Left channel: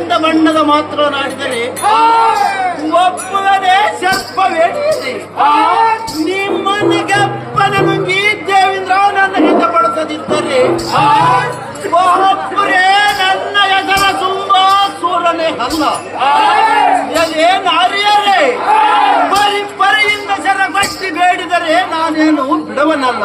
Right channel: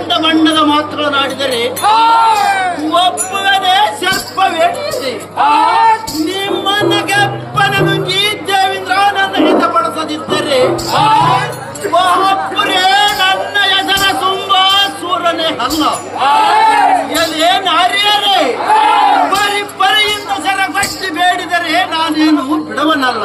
ಕೆಂಡ ಬಣ್ಣದ ಮಾತನಾಡಿದರೆ ಒಬ್ಬನೇ ಸರ್ಪವೇ ನಿಮ್ಮನ್ನ ಗಪ್ಪನ ನುಂಗಿ ದೇವೇಂದ್ರ ನನ್ನ ಹಿತಪಡಿಸದಿದ್ದರೆ ಒಬ್ಬರೇ ನನ್ನ ಹೆಸರ ತುಂಬಾ ಸೂರನೇ ಅಲ್ಲ. ಎಲೆ ನಾರಿಯರೇ ಬರಿ ಬರಿಯಿಂದ ಸರಗಟ್ಟಿ ಬೇಡಿದರೆ ನಾನೇನು ಬಿಡವನಲ್ಲ.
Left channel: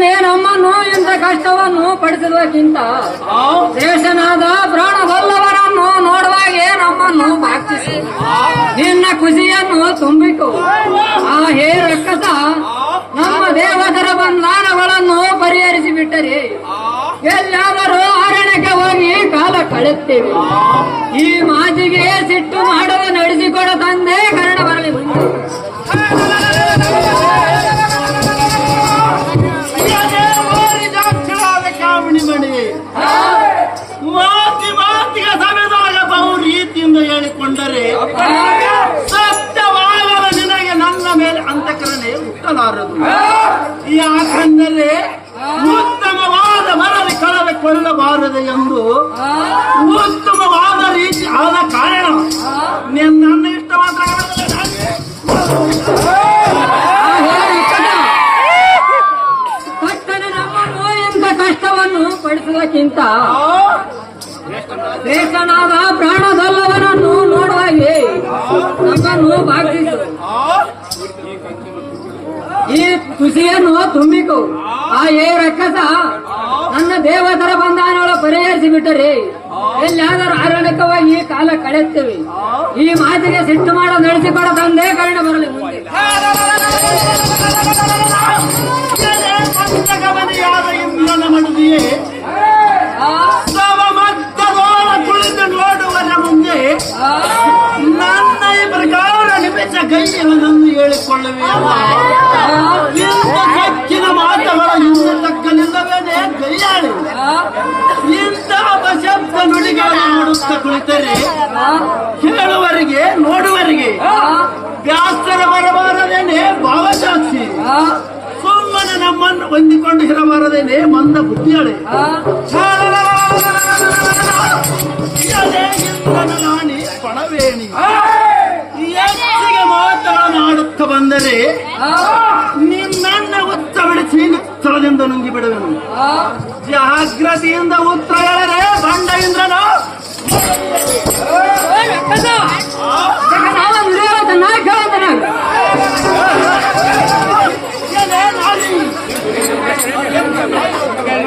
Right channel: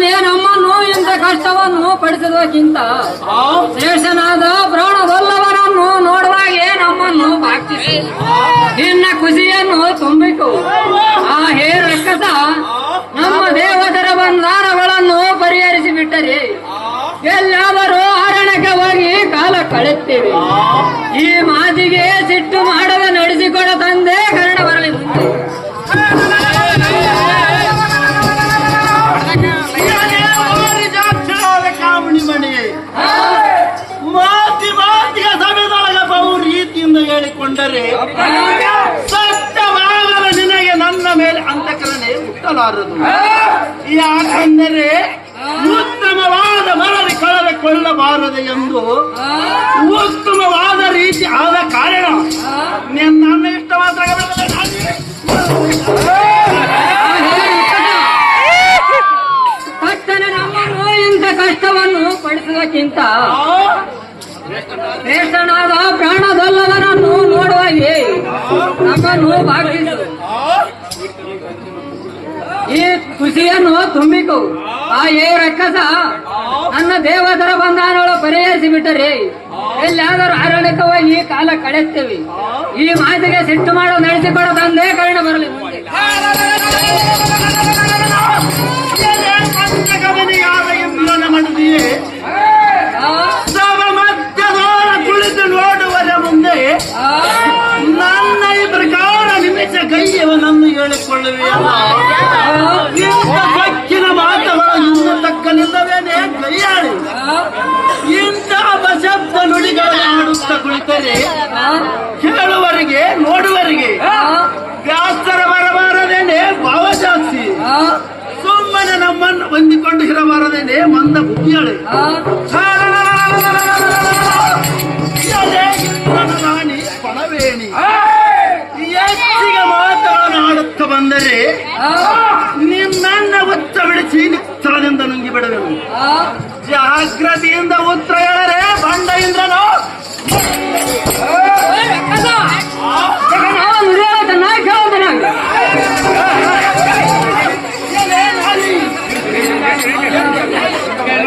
ತಟ್ಟನೆ ನಮ್ಮನ್ನು ಇಂಥ ಕಷ್ಟವನ್ನು ಪಡಿಸುವುದಕ್ಕಿಂತ ಶೇಷನಾದ ಪ್ರಾಣವಲ್ಲವರನ್ನು ನೋಡುವಾಗೆ ನಮ್ಮನ್ನು ಭಾಗಿಸಿ ನಿನ್ನ ಖುಷಿಯನ್ನು ತುಂಬಿತು ಆ ಹೇ ರಕ್ಕಸ ನಮ್ಮ ದೇವದರ ಬಂಧಾನಗಳನ್ನು ಪರಿಹರಿಸಿ ಬಿಟ್ಟರೆ ಎಲ್ಲಾದರೂ ಅರಣ್ಯಕ್ಕೆ ಹೋಗಿ ಕಾಲ ಕಳೆಯುತ್ತೇವೆ. ಈ ಮಾತಿಗೆ ಸಿಟ್ಟು ಮಾಡದ ನಡೆಸಿಕೊಡ ತಂದೆ ಕರ್ಣ ಬರಲಿ ಬಂದೆ ಹೇಳಿಕೊಂಡರೆ ಸತ್ಯವಾಗದ ನಿನಗೆ ನನ್ನ ಮೇಲೆ ಅಂತಕರಣೆ ಹುಟ್ಟಲಾರದು ಯಾಕಂದರೆ ಉತ್ತಮವಾದ ಮರಳಿ ಕಳೆದುಕೊಳ್ಳಬಾರದು ಎಂದು ಉತ್ತಮವಾದ ರೀತಿ ಆದ ಕಾರಣ ನಿನ್ನ ಇಷ್ಟವಾದ ನಮ್ಮನ್ನು ಇಂಥ ಕಷ್ಟವನ್ನು ಪಡಿಸುವುದಕ್ಕಿಂತ ಪ್ರಾಣದಲ್ಲದರನ್ನು ಪ್ರಾಣದಲ್ಲವರನ್ನು ನೋಡುವಾಗೆ ನೋವು ಭಾಗಿಸು ಈ ಖುಷಿಯನ್ನು ತುಂಬಿಕು. ಆ ಏ ರಕ್ಕಸ ನನ್ನ ದೇವದರ ಬಂಧನಗಳು ಪರಿಹರಿಸಿ ಬಿಟ್ಟರೆ ಎಲ್ಲಾದರೂ ಆರೋಗ್ಯವಾಗಿ ಈ ಕಾಲ ಕಳೆಯುತ್ತೇವೆ. ಈ ಮಾತಿಗೆ ಸಿಟ್ಟು ಮಾಡೋ ನಡೆಸಿಕೊಡೋ ತಂದೆ ಕಾರಣ ಬರಲಿ ಮುಂದೆ. ನನ್ನ ಈ ಪ್ರಕಾರ ನಿಮಿಷ ಕೈಯವನನ್ನು ಹೇಳಿಕೊಳ್ಳುವೆಯಲ್ಲ ಇಂಥ ಸಕ್ಕಿನ ಮಾತಗಳ ಹಿಂದೆ ತಕ್ಕಲಿಲ್ಲವೇನೆ ಕೈಯಾಳಿ ಇಂತಹ ಇಂಥ ನುಡಿಗಳ ಮಾಡುತ್ತಾ ಕುಳಿತರೆ ಕೇಳುವರಿಗೆ ನೋಡುವರಿಗೆ ವ್ಯಾಸರ ಬರಬಾರದೇನೆ ಭಾವಜಾಸ್ತಿ ಆ, ಸುಮ್ಮನೆ ನಮ್ಮನ್ನು ಹೊಂದಿಕೊಂಡು ಇರಬಾರದೇನೆ ಮಂದ ಬುದ್ಧಿಯಳೆ ಆ. ನಿನ್ನ ಉತ್ತ ಬಿಡಿಸಿ ಸ್ಥಳದಿಂದ ನುಂಗಿ ಬಿಡುವೆನು. ಜಾಗ್ರತೆಯಿಂದ ಉತ್ತರ ಹೇಳರೆ ಬಂಡ ಇಂದ್ರನು ಕೇಳ